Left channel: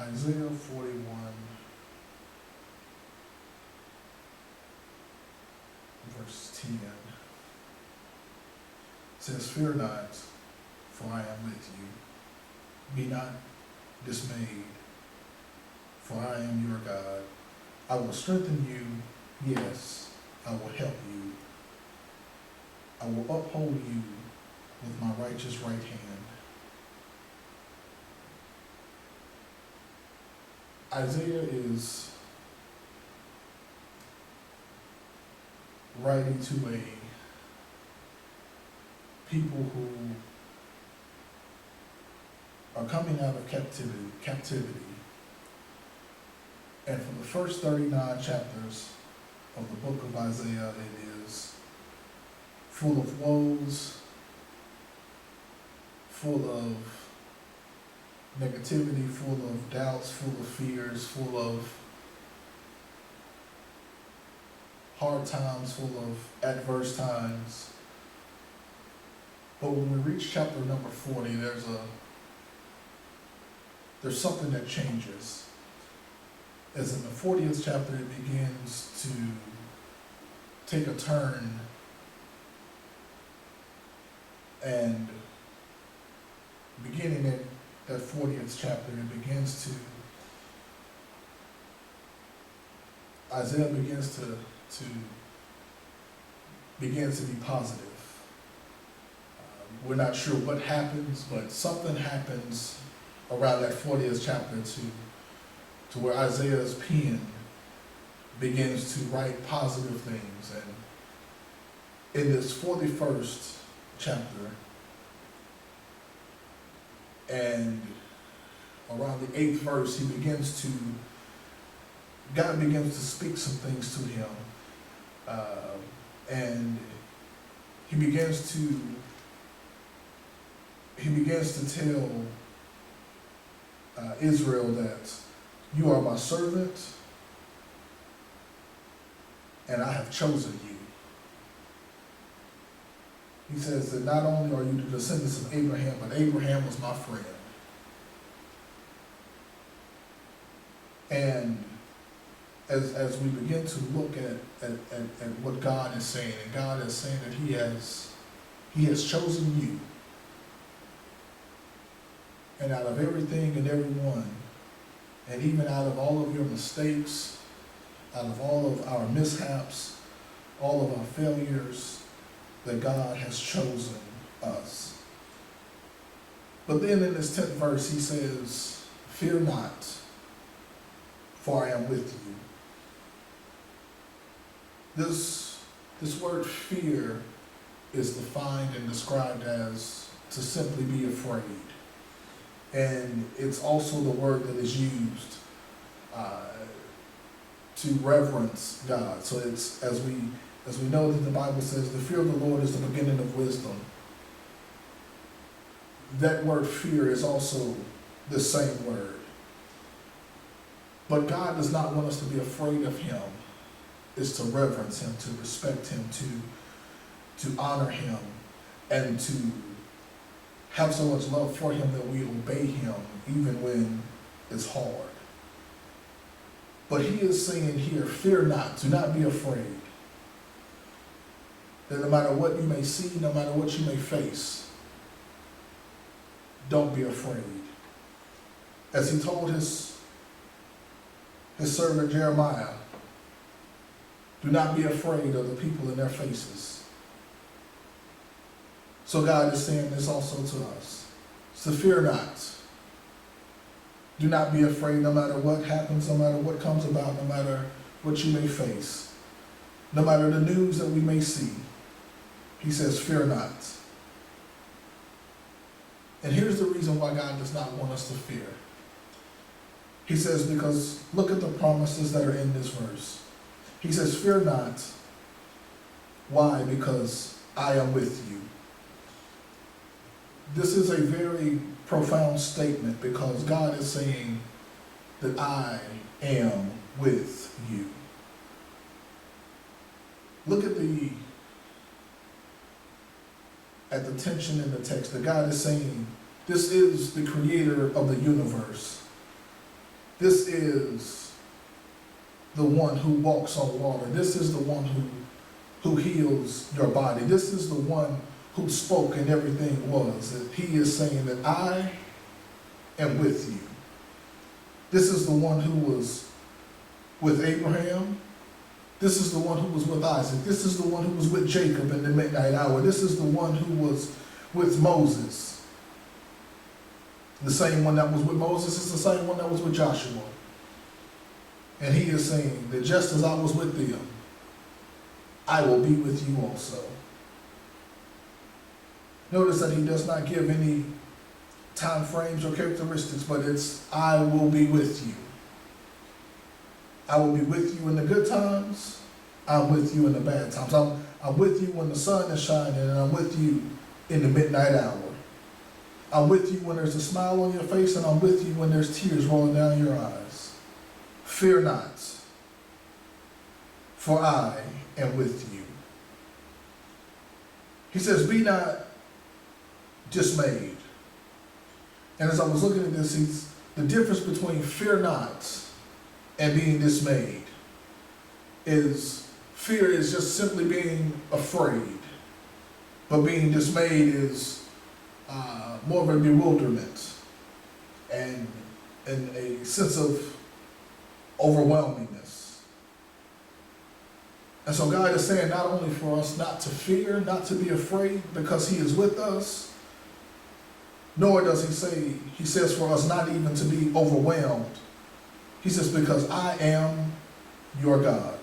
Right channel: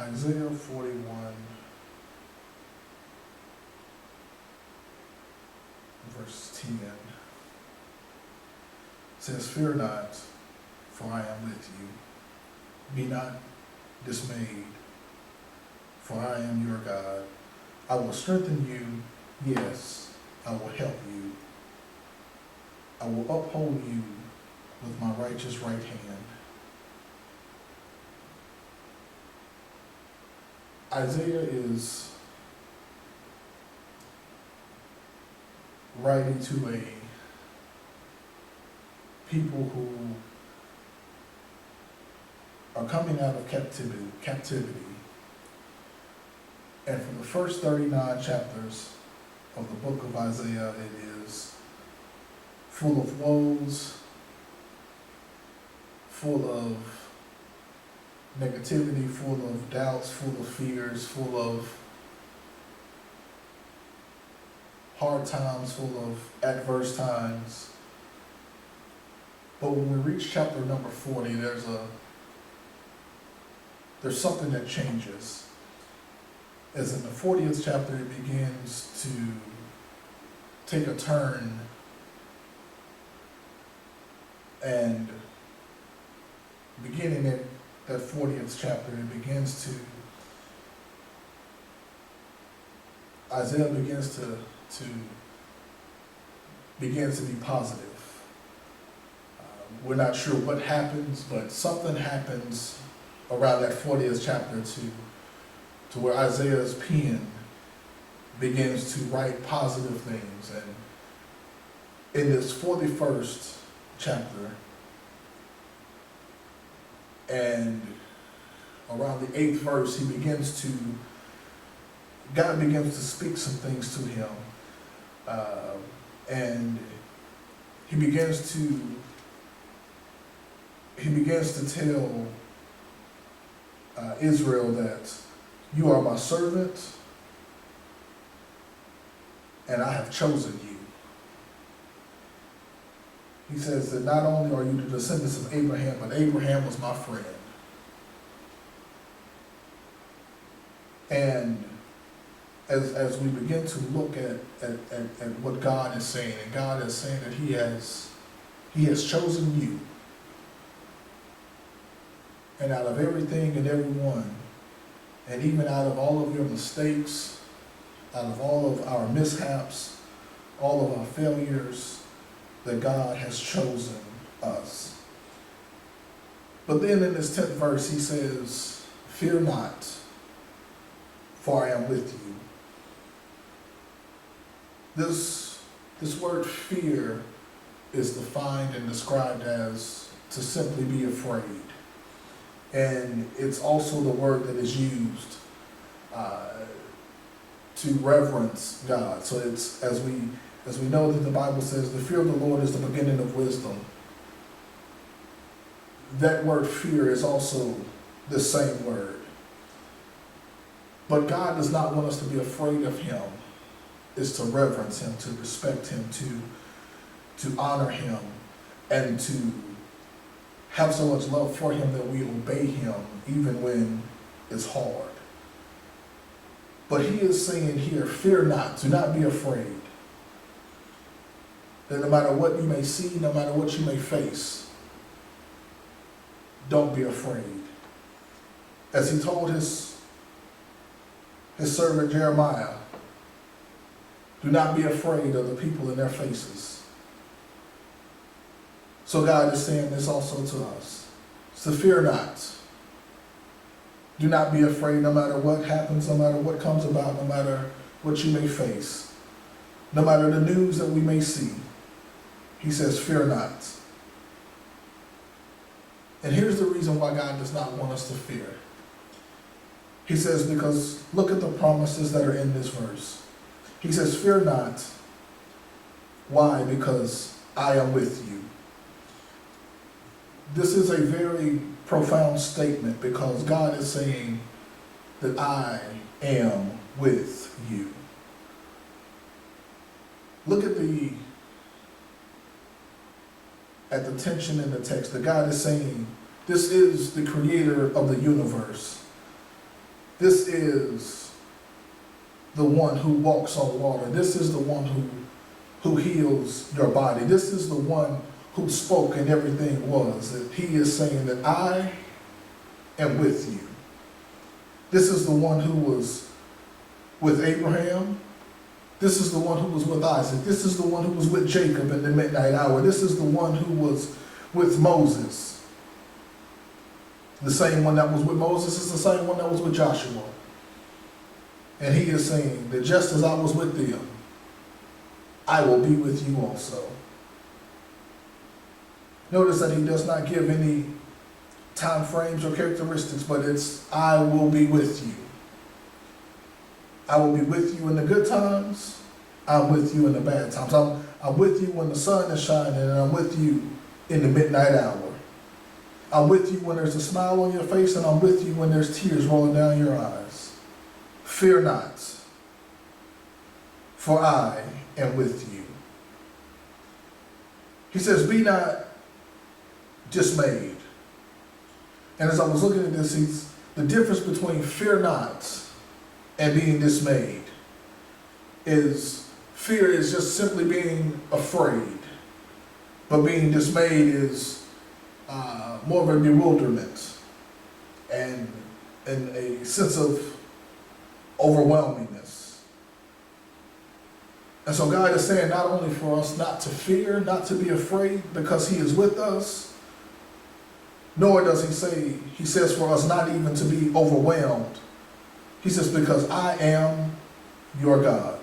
Isaiah 41, verse 10 says, "Fear not, for I am with you. Be not dismayed, for I am your God. I will strengthen you, yes, I will help you. I will uphold you with my righteous right hand." Isaiah is writing to a people who are coming out of captivity. And for the first 39 chapters of the book of Isaiah, it is full of woes, full of negativity, full of doubts, full of fears, full of hard times, full of adverse times. But when we reach chapter number 40, there's something that changes. As in the 40th chapter, it begins to take a turn, and beginning in that 40th chapter, Isaiah begins to be positive. We're not sure what happens, but something happens around that 40th chapter to where Isaiah's pen begins to write positive things. And in this 41st chapter, and around the 8th verse, God begins to speak some things to him. And he begins to tell Israel that you are my servant and I have chosen you. He says that not only are you the descendants of Abraham, but Abraham was my friend. And as we begin to look at what God is saying, and God is saying that He has chosen you. And out of everything and everyone, and even out of all of your mistakes, out of all of our mishaps, all of our failures, that God has chosen us. But then in this 10th verse, he says, "Fear not, for I am with you." This word fear is defined and described as to simply be afraid. And it's also the word that is used to reverence God. So it's, as we know that the Bible says, the fear of the Lord is the beginning of wisdom. That word fear is also the same word. But God does not want us to be afraid of Him. It's to reverence Him, to respect Him, to honor Him, and to have so much love for Him that we obey Him even when it's hard. But He is saying here, fear not, do not be afraid. That no matter what you may see, no matter what you may face, don't be afraid. As He told his servant Jeremiah, do not be afraid of the people in their faces. So God is saying this also to us. So fear not. Do not be afraid no matter what happens, no matter what comes about, no matter what you may face, no matter the news that we may see. He says, fear not. And here's the reason why God does not want us to fear. He says, because look at the promises that are in this verse. He says, fear not. Why? Because I am with you. This is a very profound statement because God is saying that I am with you. Look at the tension in the text. That God is saying, this is the creator of the universe. This is the one who walks on water. This is the one who heals your body. This is the one who spoke and everything was. That he is saying that I am with you. This is the one who was with Abraham. This is the one who was with Isaac. This is the one who was with Jacob in the midnight hour. This is the one who was with Moses. The same one that was with Moses is the same one that was with Joshua. And he is saying that just as I was with them, I will be with you also. Notice that he does not give any time frames or characteristics, but it's I will be with you. I will be with you in the good times. I'm with you in the bad times. I'm with you when the sun is shining, and I'm with you in the midnight hour. I'm with you when there's a smile on your face, and I'm with you when there's tears rolling down your eyes. Fear not, for I am with you. He says, be not dismayed. And as I was looking at this, the difference between fear not and being dismayed is fear is just simply being afraid, but being dismayed is more of a bewilderment and a sense of overwhelmingness. And so God is saying not only for us not to fear, not to be afraid because he is with us, nor does he says for us not even to be overwhelmed. He says, because I am your God.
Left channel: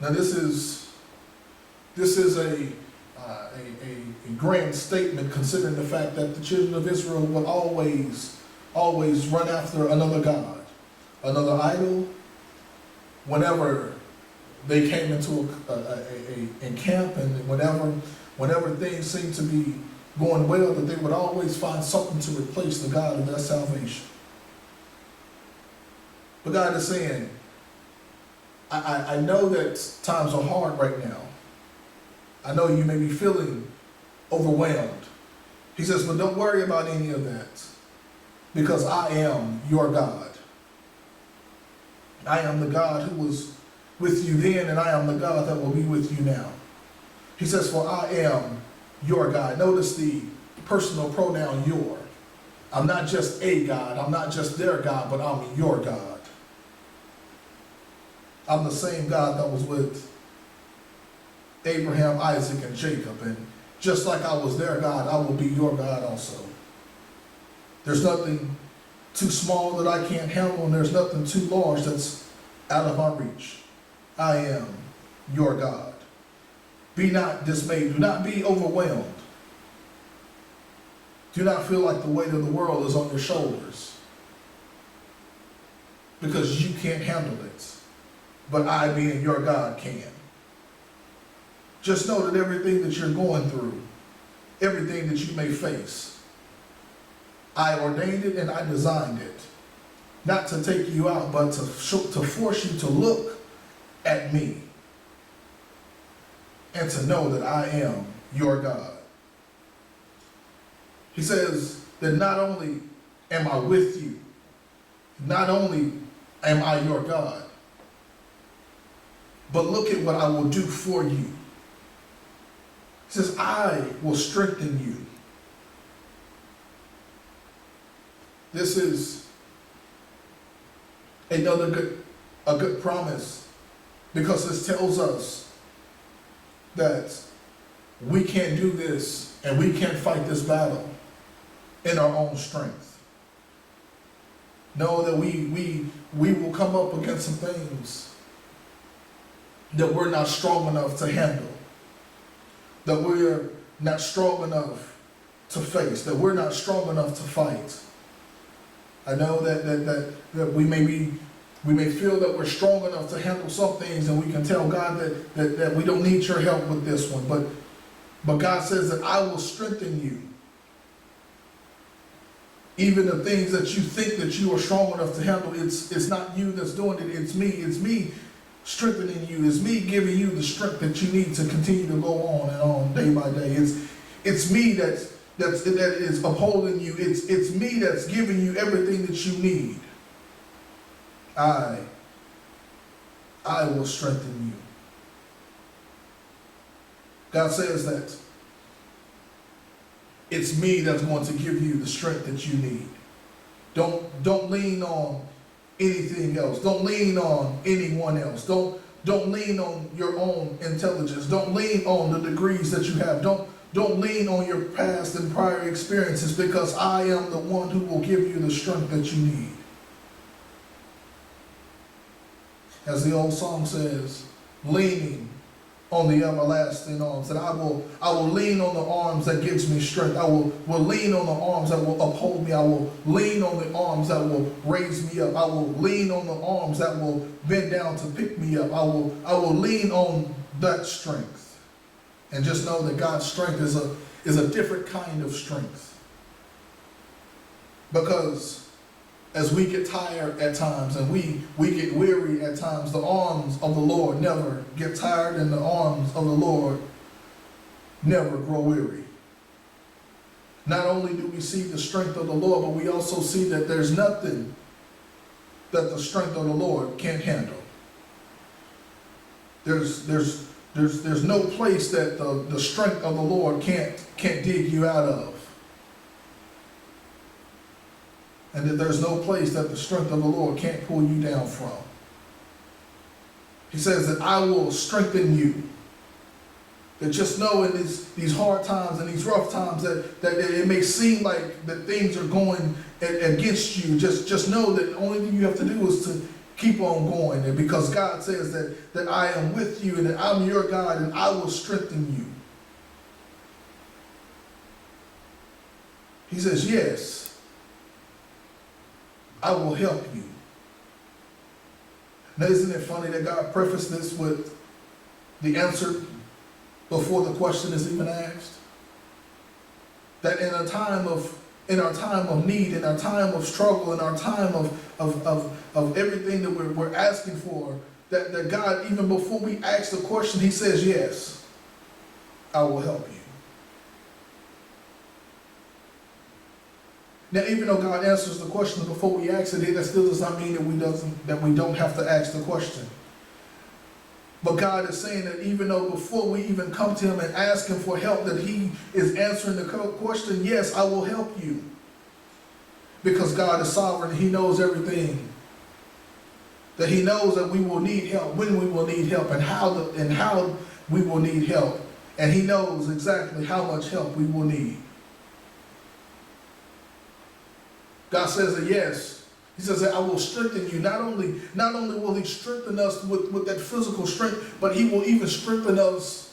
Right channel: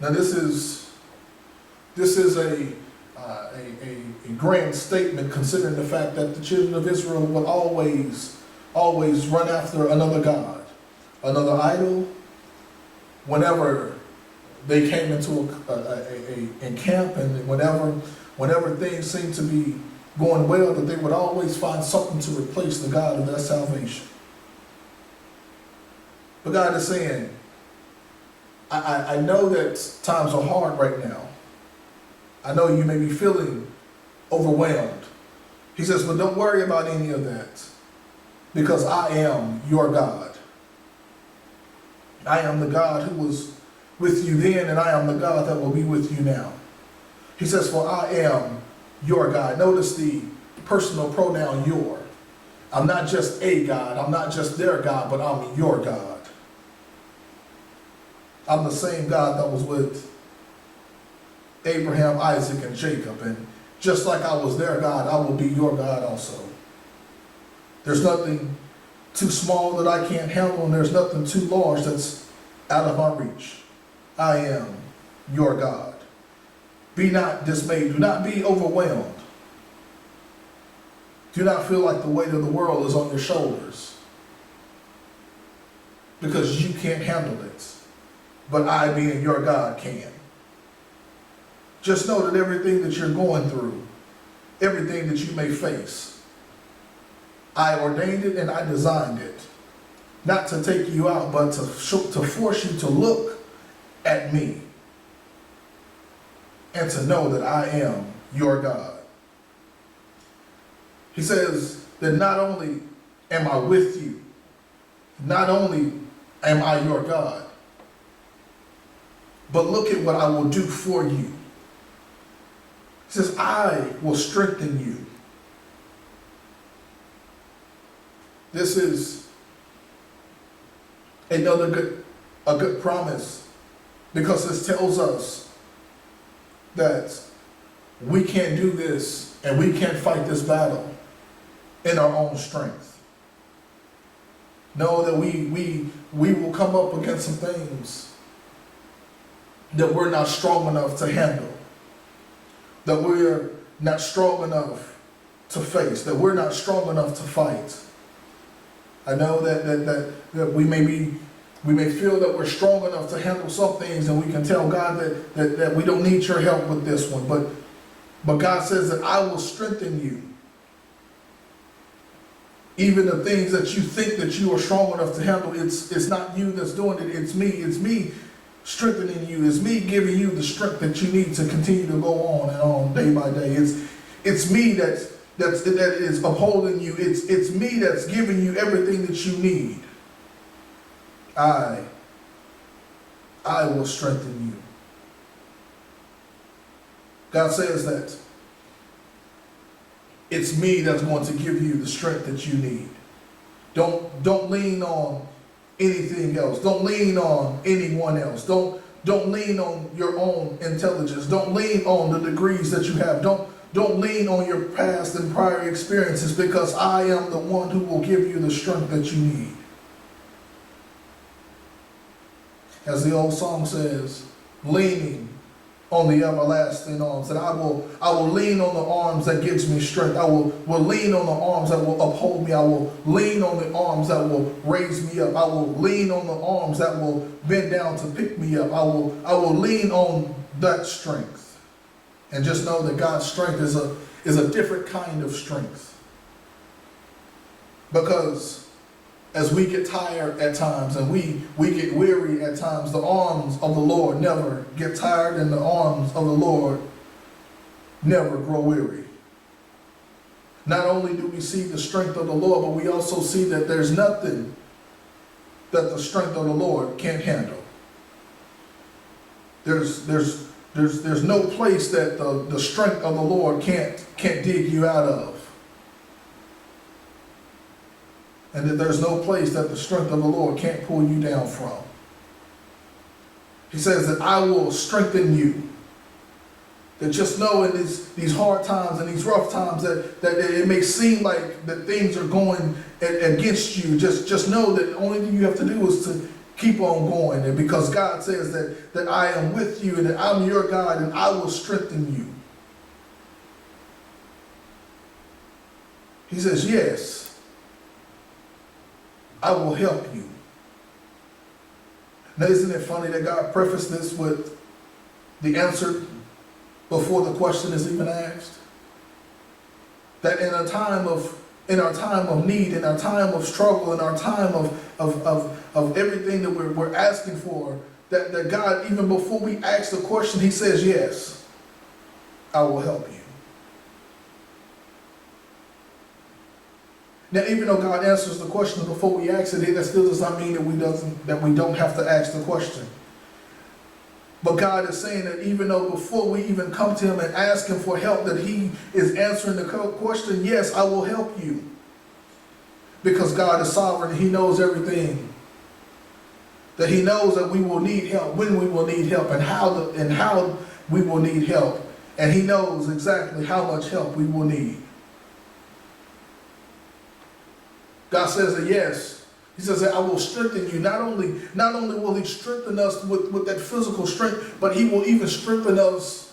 Now this is a grand statement, considering the fact that the children of Israel would always run after another god, another idol, whenever they came into a camp, and whenever things seemed to be going well, that they would always find something to replace the God of their salvation. But God is saying, I know that times are hard right now. I know you may be feeling overwhelmed. He says, but don't worry about any of that, because I am your God. I am the God who was with you then, and I am the God that will be with you now. He says, for I am your God. Notice the personal pronoun your. I'm not just a God. I'm not just their God, but I'm your God. I'm the same God that was with Abraham, Isaac, and Jacob. And just like I was their God, I will be your God also. There's nothing too small that I can't handle, and there's nothing too large that's out of my reach. I am your God. Be not dismayed. Do not be overwhelmed. Do not feel like the weight of the world is on your shoulders, because you can't handle it. But I, being your God, can. Just know that everything that you're going through, everything that you may face, I ordained it and I designed it. Not to take you out, but to force you to look at me and to know that I am your God. He says that not only am I with you, not only am I your God, but look at what I will do for you. He says, I will strengthen you. This is another good promise, because this tells us that we can't do this and we can't fight this battle in our own strength. Know that we will come up against some things that we're not strong enough to handle, that we're not strong enough to face, that we're not strong enough to fight. I know that we may feel that we're strong enough to handle some things, and we can tell God that we don't need your help with this one, but God says that I will strengthen you. Even the things that you think that you are strong enough to handle, it's not you that's doing it, it's me strengthening you. It's me giving you the strength that you need to continue to go on and on day by day. It's me that is upholding you. It's me that's giving you everything that you need. I will strengthen you. God says that it's me that's going to give you the strength that you need. Don't lean on anything else. Don't lean on anyone else. Don't lean on your own intelligence. Don't lean on the degrees that you have. Don't lean on your past and prior experiences, because I am the one who will give you the strength that you need. As the old song says, leaning on the everlasting arms, that I will lean on the arms that gives me strength. I will lean on the arms that will uphold me. I will lean on the arms that will raise me up. I will lean on the arms that will bend down to pick me up. I will lean on that strength. And just know that God's strength is a different kind of strength. Because as we get tired at times and we get weary at times, the arms of the Lord never get tired, and the arms of the Lord never grow weary. Not only do we see the strength of the Lord, but we also see that there's nothing that the strength of the Lord can't handle. There's no place that the strength of the Lord can't dig you out of. And that there's no place that the strength of the Lord can't pull you down from. He says that I will strengthen you. That just know in these hard times and these rough times that it may seem like that things are going against you, just know that the only thing you have to do is to keep on going. And because God says that I am with you and that I'm your God and I will strengthen you. He says, yes, I will help you. Now, isn't it funny that God prefaced this with the answer before the question is even asked? That in our time of need, in our time of struggle, in our time of everything that we're asking for, that God, even before we ask the question, He says, yes, I will help you. Now, even though God answers the question before we ask it, that still does not mean that we don't have to ask the question. But God is saying that even though before we even come to Him and ask Him for help, that He is answering the question, yes, I will help you. Because God is sovereign, He knows everything. That He knows that we will need help, when we will need help, and how we will need help. And He knows exactly how much help we will need. God says that yes, He says that I will strengthen you. Not only will He strengthen us with that physical strength, but He will even strengthen us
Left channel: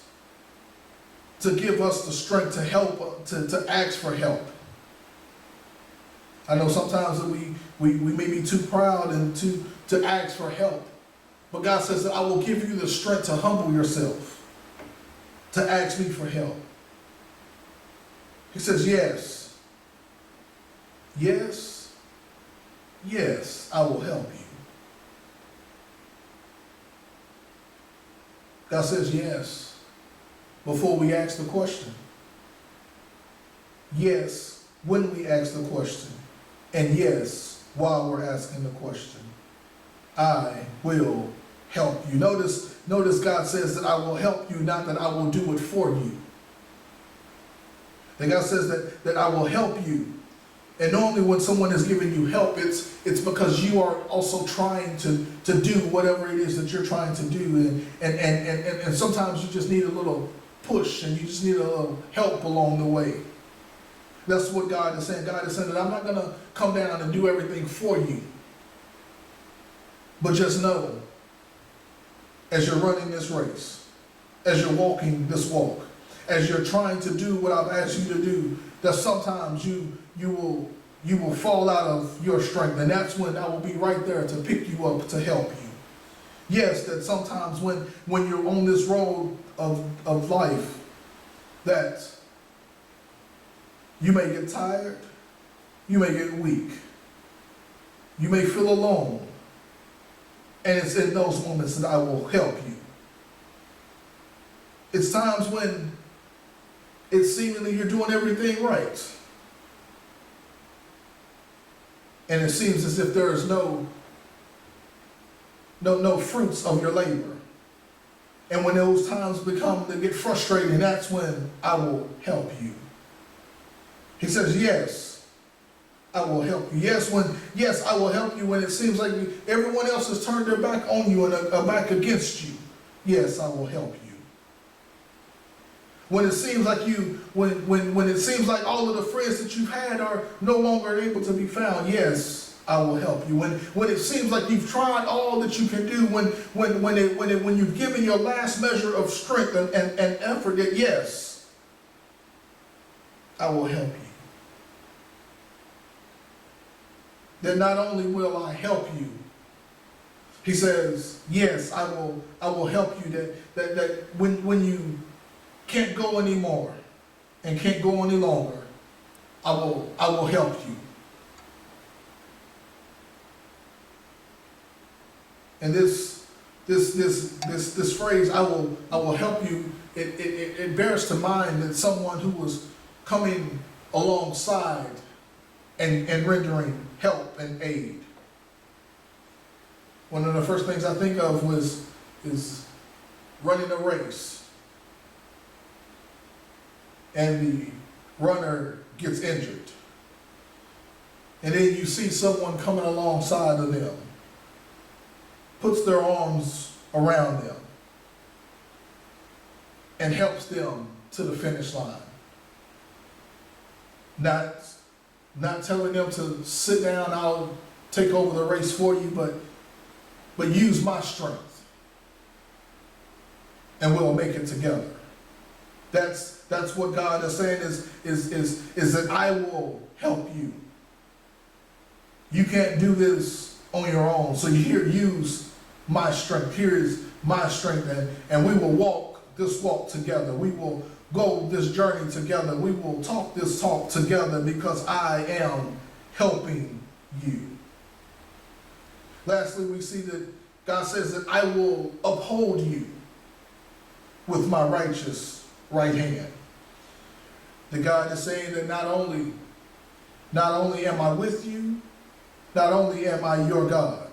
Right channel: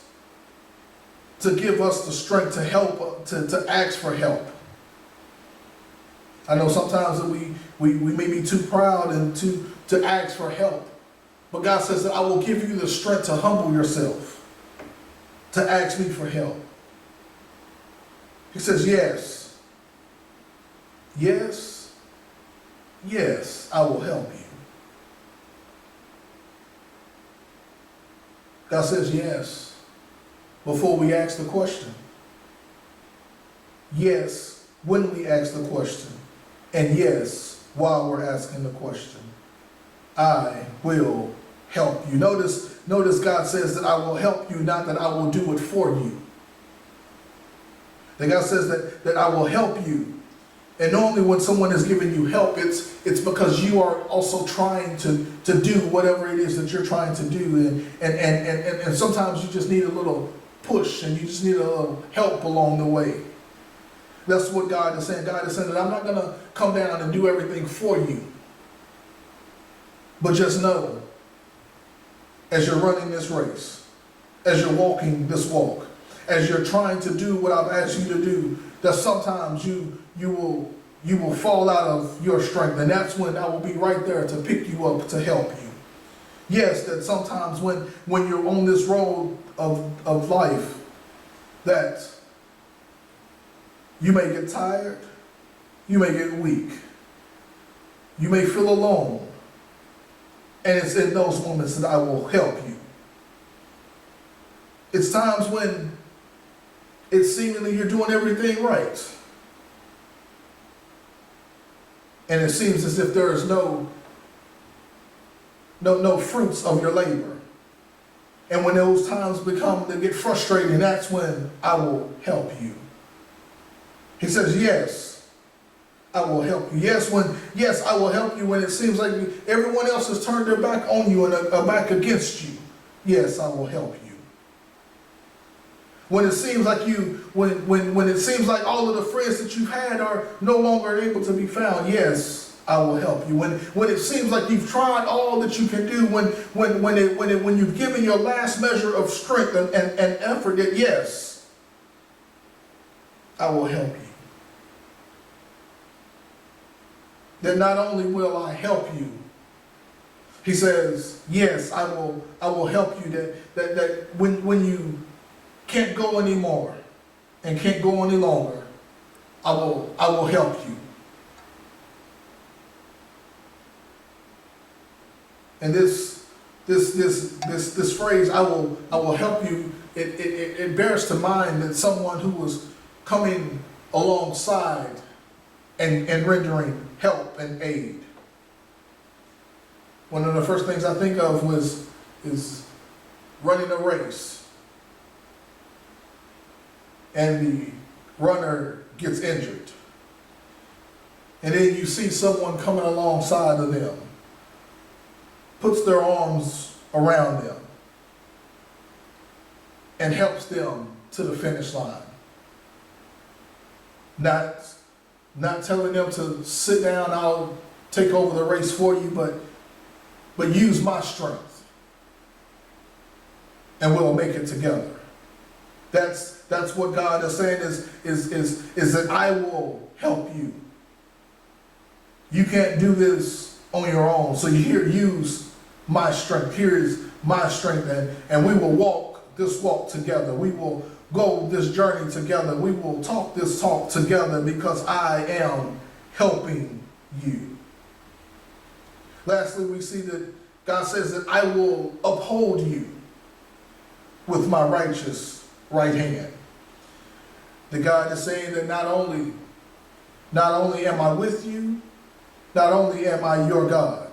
to give us the strength to help, to ask for help. I know sometimes that we may be too proud and to ask for help. But God says that I will give you the strength to humble yourself, to ask me for help. He says, yes. Yes, yes, I will help you. God says yes before we ask the question. Yes, when we ask the question. And yes, while we're asking the question. I will help you. Notice God says that I will help you, not that I will do it for you. That God says that I will help you. And normally when someone is giving you help, it's because you are also trying to do whatever it is that you're trying to do. And sometimes you just need a little push and you just need a little help along the way. That's what God is saying. God is saying that I'm not going to come down and do everything for you. But just know, as you're running this race, as you're walking this walk, as you're trying to do what I've asked you to do, that sometimes you will fall out of your strength, and that's when I will be right there to pick you up, to help you. Yes, that sometimes when you're on this road of life, that you may get tired, you may get weak, you may feel alone, and it's in those moments that I will help you. It's times when it's seemingly you're doing everything right. And it seems as if there is no fruits of your labor. And when those times become to get frustrating, that's when I will help you. He says, yes, I will help you. Yes, I will help you when it seems like everyone else has turned their back on you and are back against you. Yes, I will help you. When it seems like when it seems like all of the friends that you've had are no longer able to be found, yes, I will help you. When it seems like you've tried all that you can do, when you've given your last measure of strength and effort, that yes, I will help you. That not only will I help you, he says, yes, I will help you. That when you can't go anymore and can't go any longer, I will help you. And this phrase, I will help you, it bears to mind that someone who was coming alongside and rendering help and aid. One of the first things I think of is running a race. And the runner gets injured. And then you see someone coming alongside of them, puts their arms around them, and helps them to the finish line. Not telling them to sit down, I'll take over the race for you, but use my strength, and we'll make it together. That's what God is saying is that I will help you. You can't do this on your own. So here, use my strength. Here is my strength, and we will walk this walk together. We will go this journey together. We will talk this talk together because I am helping you. Lastly, we see that God says that I will uphold you with my righteous right hand. The God is saying that not only am I with you, not only am I your God,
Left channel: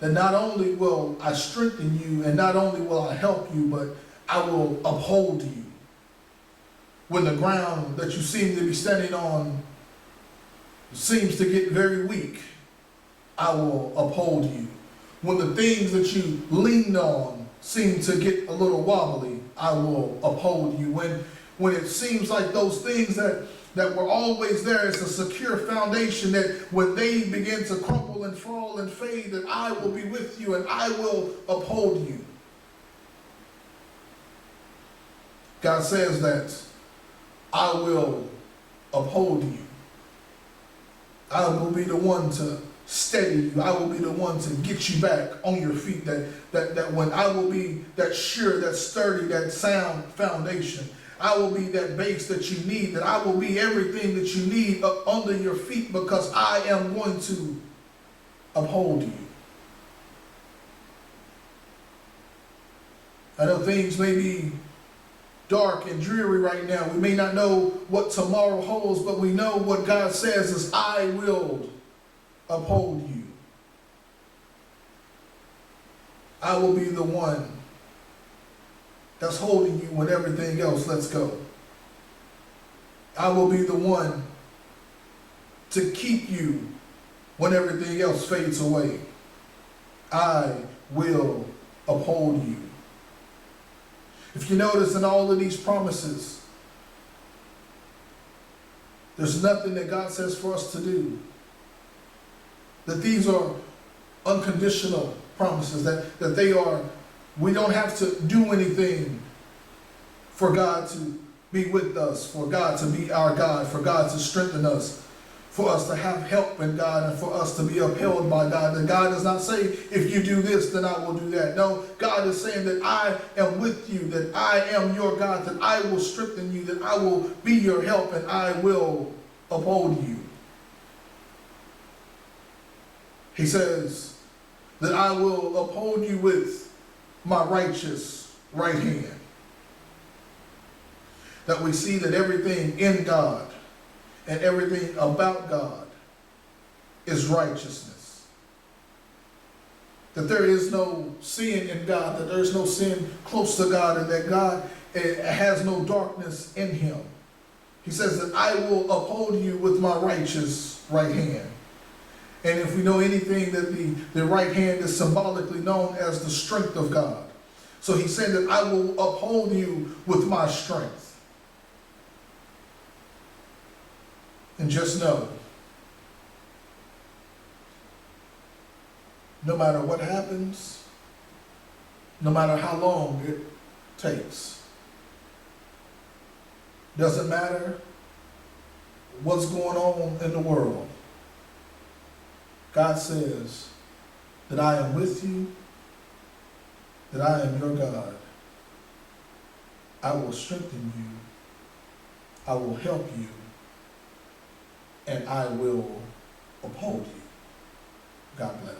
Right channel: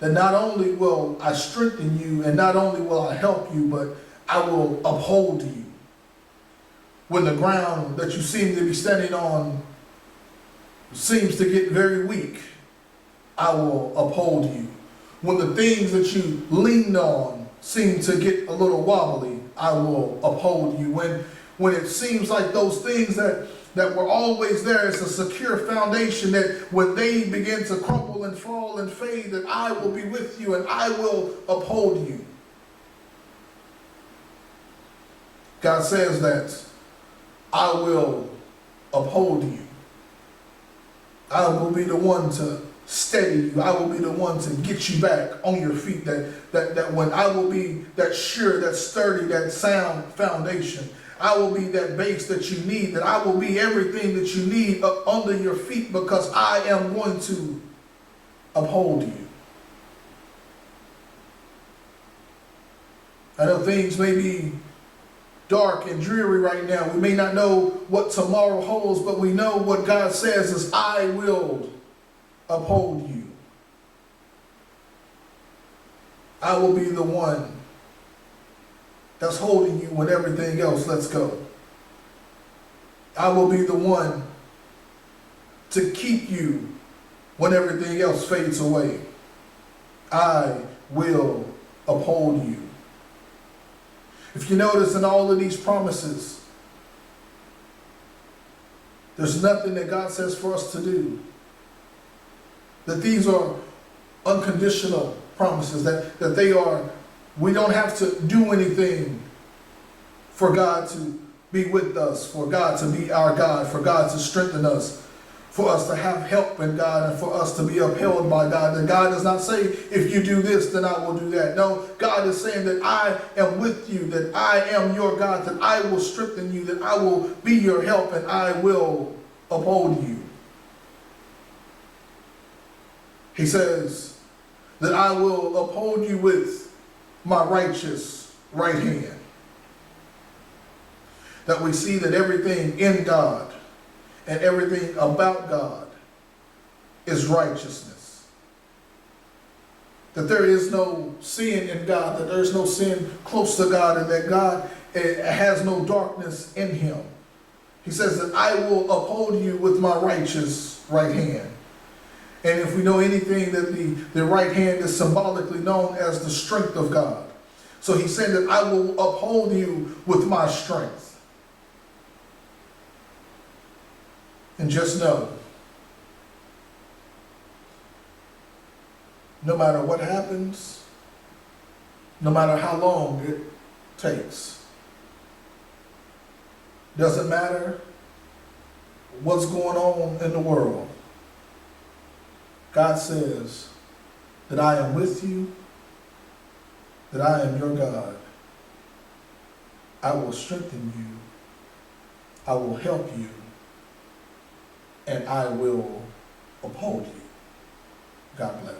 that not only will I strengthen you and not only will I help you, but I will uphold you. When the ground that you seem to be standing on seems to get very weak, I will uphold you. When the things that you leaned on seem to get a little wobbly, I will uphold you. When it seems like those things that were always there as a secure foundation, that when they begin to crumble and fall and fade, that I will be with you and I will uphold you. God says that I will uphold you. I will be the one to steady you. I will be the one to get you back on your feet. That when I will be that sure, that sturdy, that sound foundation. I will be that base that you need. That I will be everything that you need up under your feet because I am going to uphold you. I know things may be dark and dreary right now. We may not know what tomorrow holds, but we know what God says is, I will uphold you. I will be the one that's holding you when everything else lets go. I will be the one to keep you when everything else fades away. I will uphold you. If you notice in all of these promises, there's nothing that God says for us to do. That these are unconditional promises, that they are, we don't have to do anything for God to be with us, for God to be our God, for God to strengthen us, for us to have help in God, and for us to be upheld by God. And God does not say, if you do this, then I will do that. No, God is saying that I am with you, that I am your God, that I will strengthen you, that I will be your help, and I will uphold you. He says that I will uphold you with my righteous right hand. that we see that everything in God and everything about God is righteousness. That there is no sin in God, that there is no sin close to God, and that God has no darkness in him. He says that I will uphold you with my righteous right hand. And if we know anything, that the right hand is symbolically known as the strength of God. So he said that I will uphold you with my strength. And just know, no matter what happens, no matter how long it takes, doesn't matter what's going on in the world, God says that I am with you, that I am your God. I will strengthen you, I will help you, and I will uphold you. God bless.